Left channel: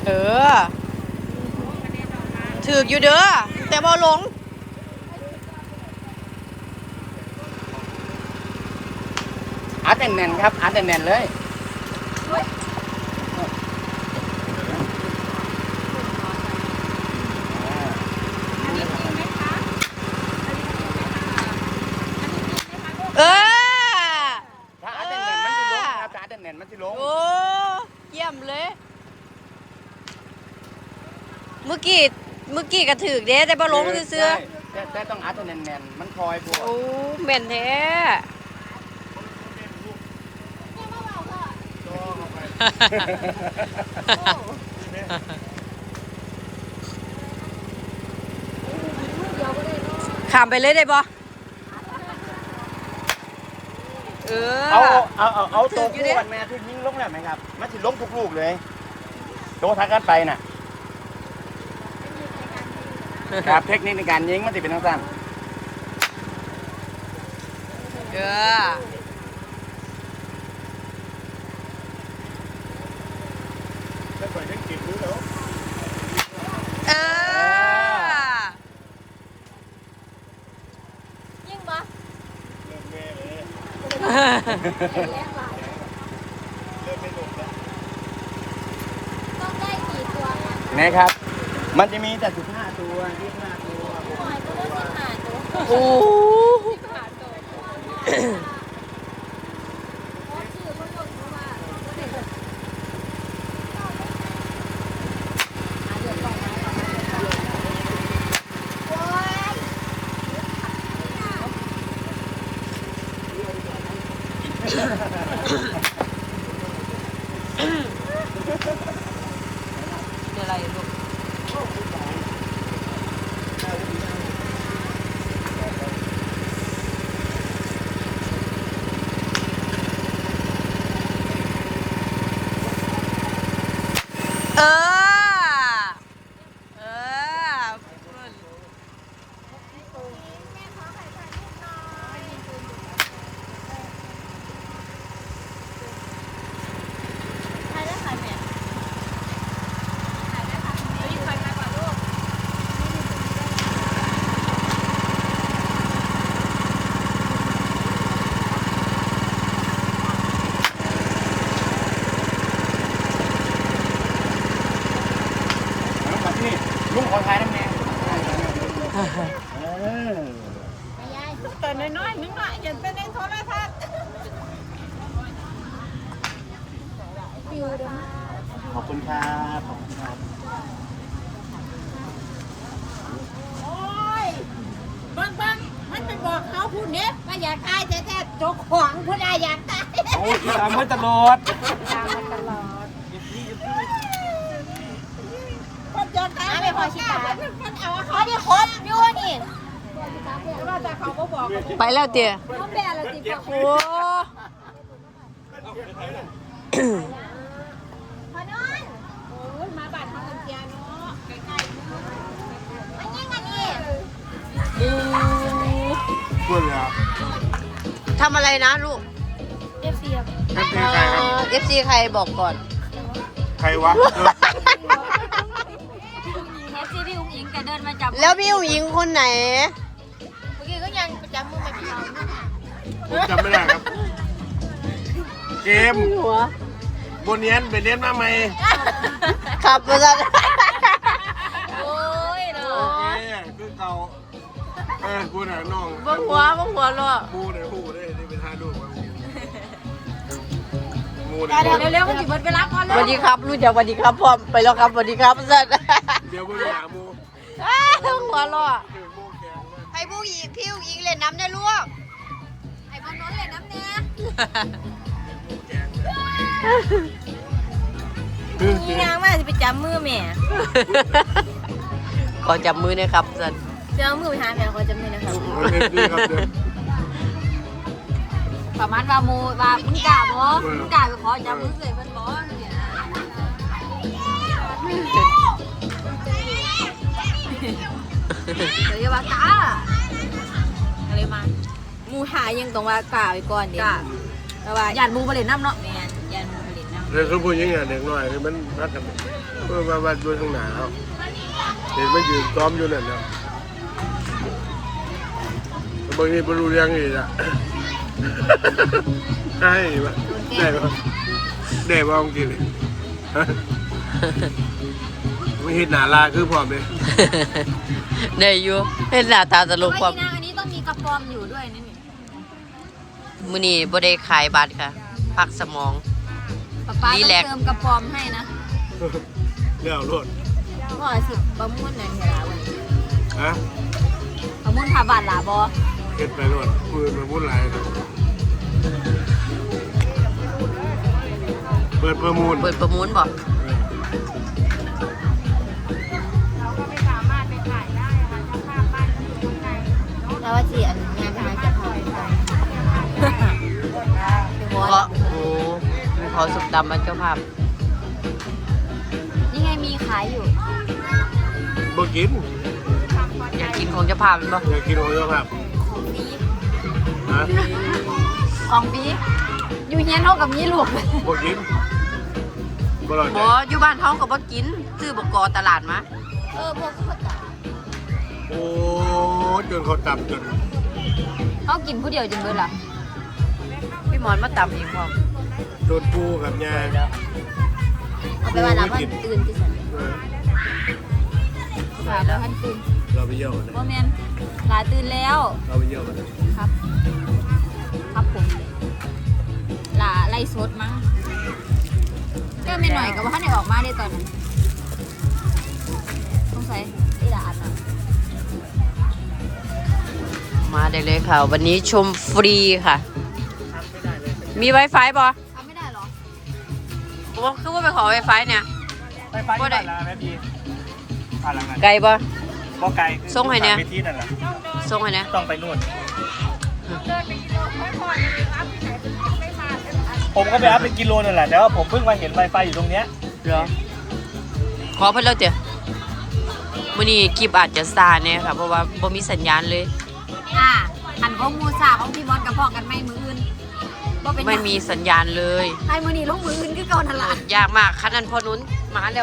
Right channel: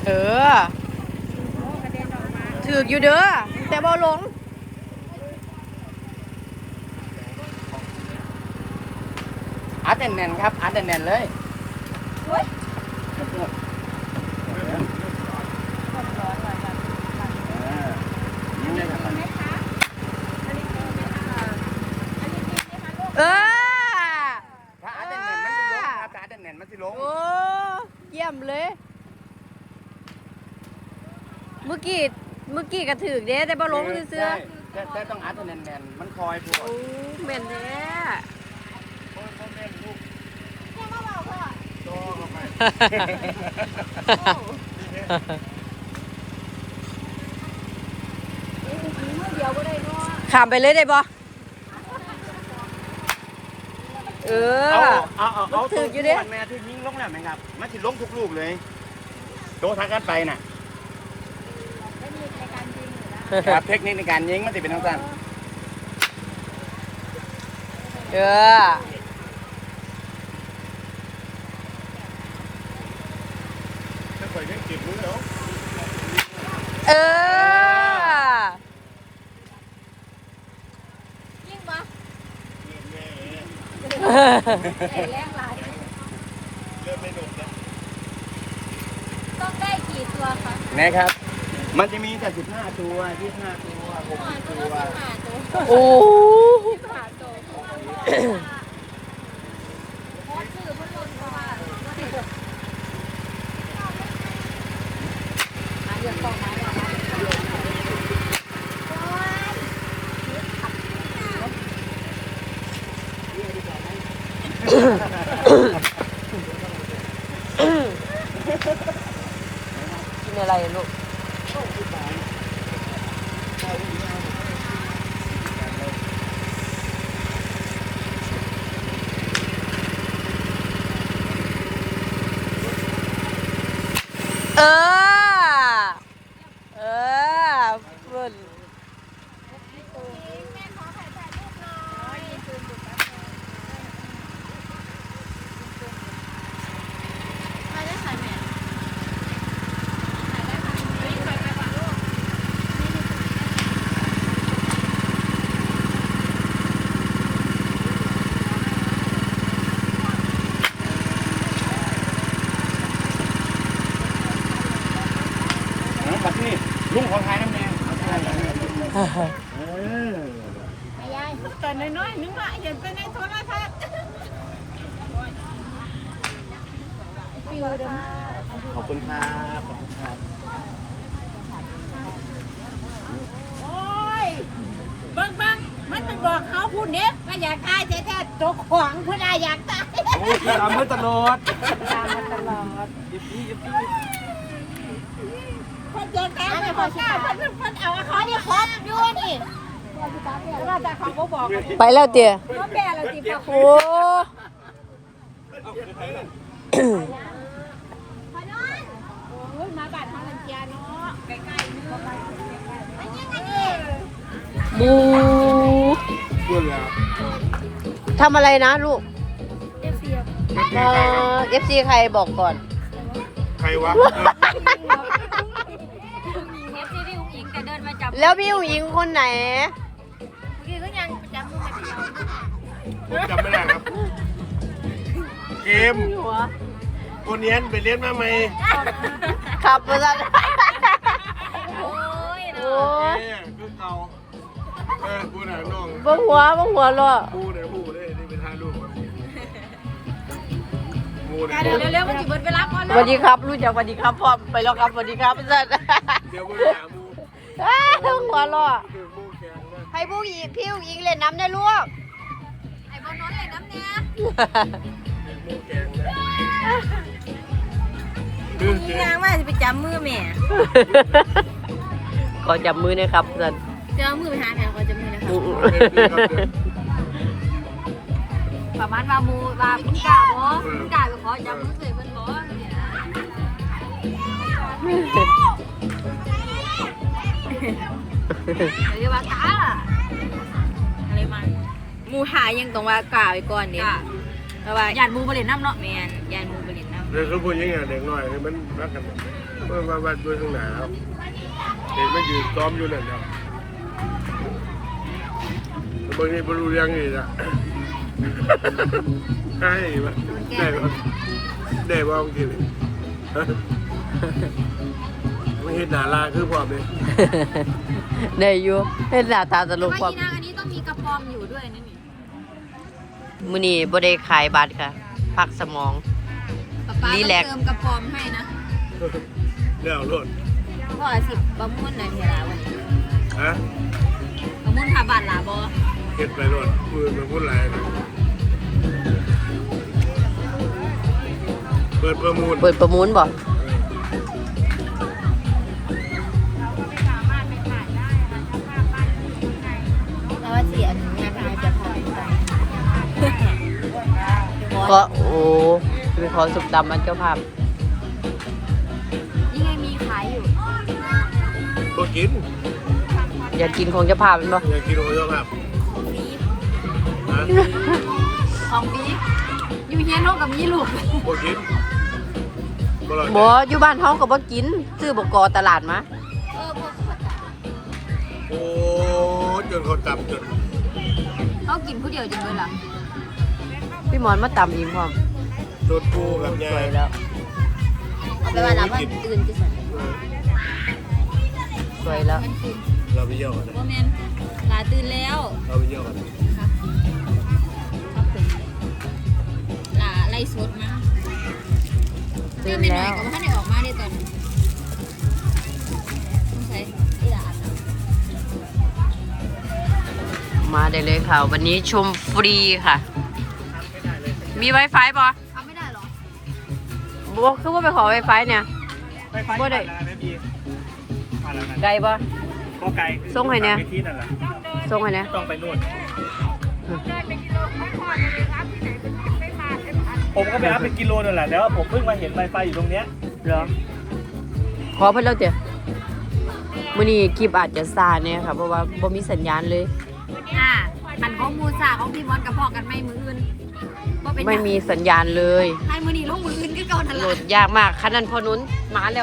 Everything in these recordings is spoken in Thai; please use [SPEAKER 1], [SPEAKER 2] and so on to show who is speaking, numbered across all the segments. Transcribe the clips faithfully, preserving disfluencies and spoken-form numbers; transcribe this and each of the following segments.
[SPEAKER 1] ออถือกอยู่เด้อแต่บ่ลง
[SPEAKER 2] อัดแน่นๆครับอัดแน่นๆเลย
[SPEAKER 1] เออโอ้เยี่ยมเลยเมื่อกี้เมื่อกี้กระถือกเด้แต่บ่ลงเสื้อ
[SPEAKER 2] แต่ต้องอัดแน่นๆมันคอยพวก
[SPEAKER 1] โอ้แม่นแท้ข้ามไปเลยได้บ่เออ
[SPEAKER 2] เอาเอาเอา
[SPEAKER 1] ถืออยู่เด้
[SPEAKER 2] แม่ที่ยิงลงแล้วไหมครับมันสิล้มทุกลูกเลยโดนทางการไปน่ะครับเทคนิคในการยิงมันจะเป็นสั้น
[SPEAKER 1] เออ
[SPEAKER 2] ถ้าปล่อยเล่นเก็บรู้แล้ว
[SPEAKER 1] เออ
[SPEAKER 3] ยิ่งปะ
[SPEAKER 2] เริ่มแม่เลย
[SPEAKER 3] เห็นแรงหลาย
[SPEAKER 2] เริ่มไม่หนุกแล้ว
[SPEAKER 3] ต้องได้กี่ตัวคะ
[SPEAKER 2] นะครับ มันจะมีแต่สิบห้าตัวยี่สิบห้าตัวผม
[SPEAKER 3] หอยก็ต้องหาตัว
[SPEAKER 1] โอ้กินอะไรลูกเออเออเพื่อน
[SPEAKER 3] ใครได้ใครแม่ใครได้ใครเฮ้ยใครมาก่อนลูก
[SPEAKER 2] บัดนี้ลุงขอทายน้ำแน่
[SPEAKER 3] ยาย
[SPEAKER 4] ตอนน้อยๆนึกว่าเห็นเป็นในโทรทัศน์
[SPEAKER 3] ฟิวเด้อ
[SPEAKER 2] ขอบคุณครับขอบคุณครับ
[SPEAKER 4] โอ้ยเบิ่งเบิ่งมันไปบอกเขาพูดเนี้ยว่าอยากตายจะแท้ตัวขวางพูดได้อยากตาย
[SPEAKER 2] โอ้ยตามมาตลอดยิบพี่ยิบพี่
[SPEAKER 4] คนจะตายไม่พอชิตาเพิ่นเอาเขาที่ครบอยู่นี่ว่าแต่เขาก็บอก
[SPEAKER 1] ไปแล้วเตี๋ย
[SPEAKER 3] เขาแปลอะไรติพ่อ
[SPEAKER 1] โอ้
[SPEAKER 3] พอนอน
[SPEAKER 4] อุ้ยมาบ้านเขาเจียเนาะใกล้ๆเนาะ
[SPEAKER 3] อันนี้อันนี้
[SPEAKER 1] บู
[SPEAKER 2] พูดแล้ว
[SPEAKER 1] ทำอะไรนะลูก
[SPEAKER 3] เอฟซีครับ
[SPEAKER 1] เออเอฟซีใครบอกก่อน
[SPEAKER 2] ใครวะ
[SPEAKER 3] เอฟซีพี่อุ้งอิงจะเดินมาจับ
[SPEAKER 1] แล้วพี่ผู้หญิงคนไหน
[SPEAKER 3] เมื่อกี้ก็ยังจำมือไม่ผิด
[SPEAKER 2] ผมจำไม่ได้ครับเกม
[SPEAKER 1] หัว
[SPEAKER 2] บนเรียนไปเรียนมาไหม
[SPEAKER 1] ขับมาแล้ว
[SPEAKER 3] โอ้ย
[SPEAKER 1] โอ้ย
[SPEAKER 2] คือเก่าเออกูน่ะน้อง
[SPEAKER 1] บังหัวบังหัวรอ
[SPEAKER 2] กูเนี่ยหูได้นี่เป็นท่าลูกมากู
[SPEAKER 4] เดี๋ยวเดี๋ยวเร็วมันจะหมดเวลาก่อน
[SPEAKER 1] สวัสดีครับลูกจ๋าสวัสดีครับพ่อไปแล้วครับสวัสดีครับสัตว์
[SPEAKER 2] เดี๋ยวกูหามู
[SPEAKER 1] บังหัวรอ
[SPEAKER 2] ถึงมูแกงนะ
[SPEAKER 1] ให้ผู้หญิงพี่ผู้หญิงเล่นน้ำได้ลูก
[SPEAKER 3] ไอ้บอลน้อยเลยน้ำเนี่ย
[SPEAKER 2] ถึงมูแกงนะ
[SPEAKER 3] มีนางว่าจะไปจับมือแม่
[SPEAKER 1] ขอจับมือนะครับสัตว์
[SPEAKER 3] จะเอามือไปหาแม่ขอจับมือนะครับประมาณว่ามูว่ามึงกล้าบ่มึงกล้าไปขอจับมือเลยเพิ่นบ่เนี่ยเรียกว่ากล้าอะไรมามูหายังต้องว่ากล้าไว้ก่อนเดี๋ยวเพราะว่าญาติมูไปเล่นน้ำเนาะแม่นญาติมูไปเล่นน้ำ
[SPEAKER 5] เรื่องเขาพูดยังไงเด็กน้อยมันรักกันเพื่อมาวัดด้วยข้างหน้าเขาเด็กมันอยู่ซ้อมอยู่นั่นนะบางทีไม่รู้ยังนี่นะใช่ได้บ้างได้บ้างจริงไม่เห็นหน้าลาคือพร้อมเลย
[SPEAKER 1] ได้อยู่เห็นหน้าตาตลกความ
[SPEAKER 3] อันนี้ต้องมีกระปอมอยู่ด้วยนี่
[SPEAKER 1] มื้อนี้บ่ได้ขายบัตรค่ะ พักสมอง
[SPEAKER 3] ป๊าป๊า
[SPEAKER 1] รีแลกซ์
[SPEAKER 3] เติมกระปอมให้นะ
[SPEAKER 5] เลี้ยวรถ
[SPEAKER 3] ก็สึกบะม่วนนั่นเทลาวันนี้
[SPEAKER 5] ฮะ
[SPEAKER 3] บะม่วนพาบาทหลาบอ
[SPEAKER 5] เก็บไปรถมือมาพูดไรเปิดประมูล
[SPEAKER 1] เปิดประมูลบ่
[SPEAKER 3] แล้วว่าสี่อันนี้งานนายจะทำกัน
[SPEAKER 1] เพราะโอ้ไปขอสุกดำมันเจ้าภาพ
[SPEAKER 3] นี่ไงมีขายอยู่
[SPEAKER 5] บ่กิน
[SPEAKER 1] อยากกินของเจ้าภาพแม่นบ่
[SPEAKER 5] อยากกินของเจ้าภาพ
[SPEAKER 3] ของปี
[SPEAKER 5] ฮะ
[SPEAKER 3] ของปีอยู่เฮียนเท่ากับมีลูก
[SPEAKER 5] บ่กินบ่รอด
[SPEAKER 1] บ่อยู่บ้านเฮาก็บ่กินซื้อบ่กอตลาดมา
[SPEAKER 3] เออพวกเขาจับ
[SPEAKER 5] โอ้จนเขาจับจน
[SPEAKER 3] เขากินผู้เดียวจนเกินหลัง
[SPEAKER 1] พี่หมอนมาตำอีกพร้อม
[SPEAKER 5] จนปูกับยาย
[SPEAKER 1] แล้ว
[SPEAKER 3] เอาไปว่าหลับว่าตื่นที่สุด
[SPEAKER 1] สวยแล้ว
[SPEAKER 3] ท่านตื่น
[SPEAKER 5] เราไปเยี่ยวเลย
[SPEAKER 3] ว่าแมนหลาตื่นแล้ว
[SPEAKER 5] เราไปเยี่ยวเลย
[SPEAKER 3] ครับ ครับผมหลาไล่สดมาเจ้าเมนหน่อยกับว่าท่านไหนออกมาได้ตอนนั้นต้องใส่ไอ้หลาอันนั้น
[SPEAKER 1] มาได้เลยค่ะ วันนี้ชมฟรีค่ะ มี Wi-Fi บ่
[SPEAKER 3] เอาไม่ได้เหรอ
[SPEAKER 1] บ่คือว่าไปขอ Wi-Fi เนี่ยบ่ได้ไกลบ่
[SPEAKER 2] ก็ไกล
[SPEAKER 1] ส่งให้เนี่ย
[SPEAKER 2] ไปที่นั่นแหละ
[SPEAKER 1] ส่งให้เนี่ย
[SPEAKER 2] ต้องไปนู่นผมก็ไปรับเป็นกิโลนั่นแหละแต่ว่าผมเพิ่งมาเห็นไฟไฟอยู่ตรงเนี้ย
[SPEAKER 1] เหรอ ขอเพิ่นแล้วเด้อมื้อนี้คลิปอาจจะซ่าแน่ค่ะเพราะว่าบ่มีสัญญาณเลย
[SPEAKER 3] อ่าอันของมูซาของพี่บอลกับพ่อกันไม่มืออื่นบ่เป็นหยัง
[SPEAKER 1] ไม่มีสัญญาณเลย
[SPEAKER 3] ให้มือนี่ลงมืออื่นก็ก่อนทัน
[SPEAKER 1] โหล
[SPEAKER 3] ละ
[SPEAKER 1] ดยากมากคันนั้นพอนุ้นมาแล้ว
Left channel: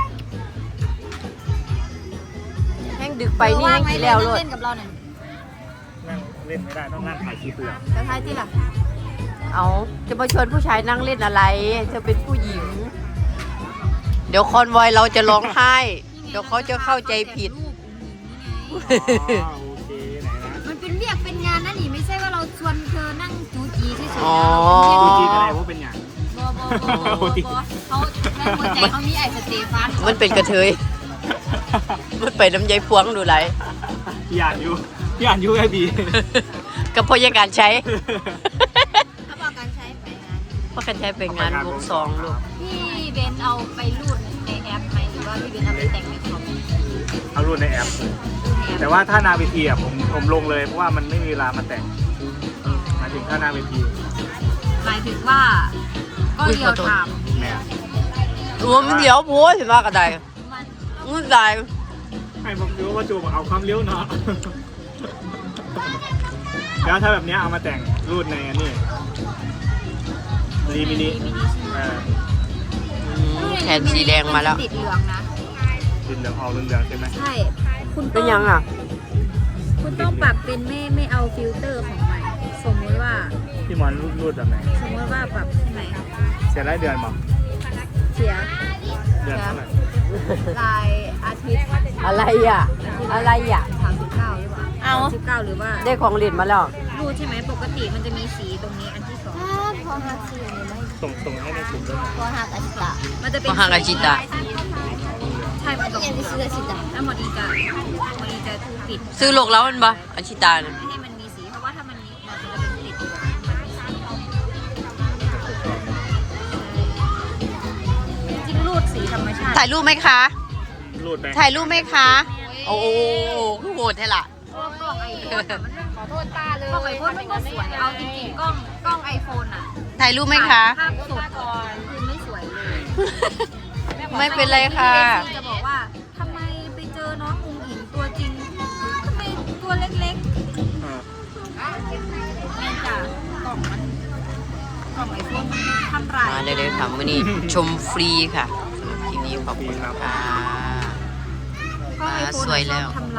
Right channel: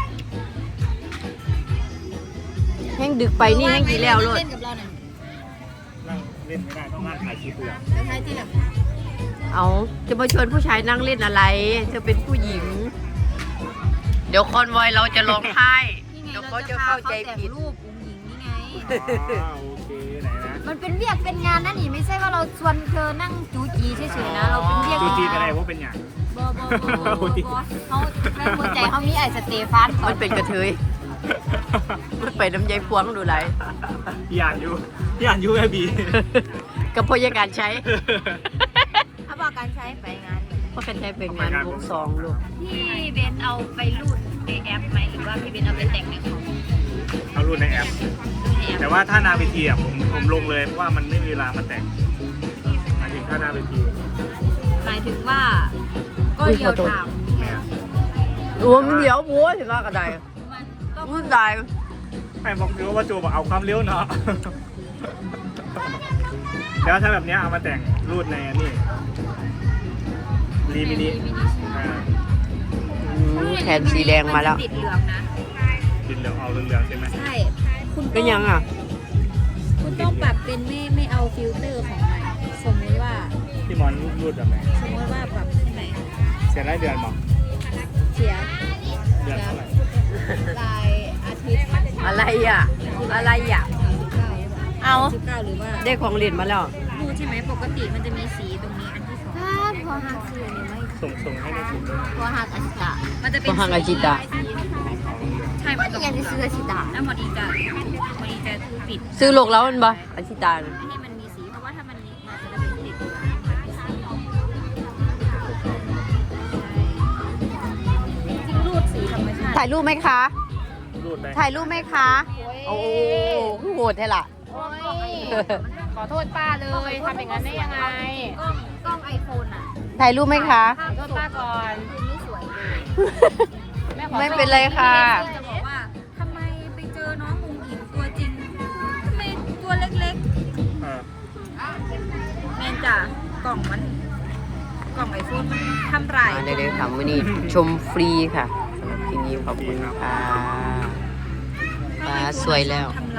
[SPEAKER 1] แห้งดึกไปนี่แห้งกี่แล้วโลด
[SPEAKER 3] เล่นกับเราเนี่ย
[SPEAKER 2] นั่งเล่นไม่ได้ต้องนั่งถ่ายคลิปเลย
[SPEAKER 3] แต่ท้ายที่หลัง
[SPEAKER 1] เอาจะมาชวนผู้ชายนั่งเล่นอะไรเธอเป็นผู้หญิง เดี๋ยวคอนวอยเราจะร้องไห้ เดี๋ยวเขาจะเข้าใจผิด
[SPEAKER 3] รูปอุ้งหญิงนี่ไง
[SPEAKER 2] อ๋อโอเคไหนนะ
[SPEAKER 3] มันเป็นเวียกเป็นงานนะนี่ไม่ใช่ว่าเราชวนเธอนั่งจูจีเฉยๆนะเราเป็นเวียก
[SPEAKER 2] ดู
[SPEAKER 3] เป็น
[SPEAKER 2] จี
[SPEAKER 3] งาน
[SPEAKER 2] ไปไหนว่าเป็นอย่าง
[SPEAKER 3] บอบอบอบอบอเขาในหัวใจเขามีไอสเตฟาน
[SPEAKER 1] มันเป็นกระเทย มันไปน้ำใจพวงดูไร
[SPEAKER 2] พี่อ่านอยู่พี่อ่านอยู่แอบี
[SPEAKER 1] กับพยาการใช้
[SPEAKER 3] ถ้าบอกการใช้ไปงาน
[SPEAKER 1] เพราะการใช้เป็นงานวงสองลูก
[SPEAKER 3] พี่เบนเอาไปรูดในแอปไหมหรือว่าพี่เบนเอาไปแต่งในคอม
[SPEAKER 2] เอารุ่นในแอป แต่ว่าถ้านาเวทีอ่ะผมผมลงเลยเพราะว่ามันไม่มีเวลามาแต่งหมายถึงถ้านาเวที
[SPEAKER 3] หมายถึงว่าก็เดียวถาม
[SPEAKER 2] เนี่ย
[SPEAKER 1] รวมมันเดี๋ยวบัวถึงว่ากระได
[SPEAKER 3] มันต้อง
[SPEAKER 1] มันได้
[SPEAKER 2] ให้บอกดูว่าโจบอกเอาความเลี้ยวเนาะ แล้วถ้าแบบเนี้ยเอามาแต่งรูดในนี่รีมินิอ่า
[SPEAKER 1] อืมแขนสีแดงมาแล้ว
[SPEAKER 3] ติดเหลืองนะ
[SPEAKER 2] ติดเหลืองออกเหลืองๆใช่ไหม
[SPEAKER 3] ใช่คุณ
[SPEAKER 1] เป็นยังอ่ะ
[SPEAKER 3] คุณต้องปรับเป็นไม่ไม่เอาฟิลเตอร์ของมันสมมติว่า
[SPEAKER 2] พี่มอนรูดรูดแบบไหน
[SPEAKER 3] สมมติว่าปรับใช่ไหม
[SPEAKER 2] เสียรายเดือนมั้ง
[SPEAKER 3] เสีย
[SPEAKER 2] เดือนเท่าไหร่
[SPEAKER 3] รายอาทิตย์
[SPEAKER 1] อะไรอ่ะ อะไรอ่ะ
[SPEAKER 3] สามสิบเก้าหรือเปล่า
[SPEAKER 1] เอา
[SPEAKER 3] สิบเก้าหรือว่า
[SPEAKER 1] ได้ของเล่นมาแล้ว
[SPEAKER 3] รูใช่ไหมปกติมันจะมีสีตรงนี้อันที่สองพอหักสีอันนี้ไม่
[SPEAKER 2] ส่งส่งให้ในกลุ่มด้วย
[SPEAKER 3] พอหักอาชิตะมันจะเป็น
[SPEAKER 1] พอหักอาชิตะ
[SPEAKER 3] ใช่มันต้องยังจะซื้ออาชิตะแล้วหมอดีจะหมอดีจะปิด
[SPEAKER 1] ซื้อโลกแล้วมันบ่อาชิตานะ
[SPEAKER 3] ไม่ให้มันมีสีเพราะว่าถ้ามันมีมันจะเป็นติดจิ้มรูดสีธรรมชาติ
[SPEAKER 1] ถ่ายรูปไหมคะ
[SPEAKER 2] รูดไป
[SPEAKER 1] ถ่ายรูปไหมคะ โอ้โหคือโหดแท้ล่ะ
[SPEAKER 3] ขอโทษตาเลยมันไม่สวยเอาจริงๆกล้องกล้องไอโฟนอ่ะ
[SPEAKER 1] ถ่ายรูปไหมคะ
[SPEAKER 3] ภาพสุดคือไม่สวยเลย
[SPEAKER 1] ไม่เป็นไรค่ะ
[SPEAKER 3] จะบอกว่าทำไมไปเจอน้องอุ๋งอิงตัวจริงทำไมตัวเล็ก
[SPEAKER 2] เออ
[SPEAKER 3] ๆแมนจ้ะกล่องมันกล่องไอโฟนมันทำลาย
[SPEAKER 1] มาได้เลยค่ะมื้อนี้ชมฟรีค่ะสำหรับที่นี้ขอบคุณค่ะฟ้าสวยแล้ว
[SPEAKER 3] ทำ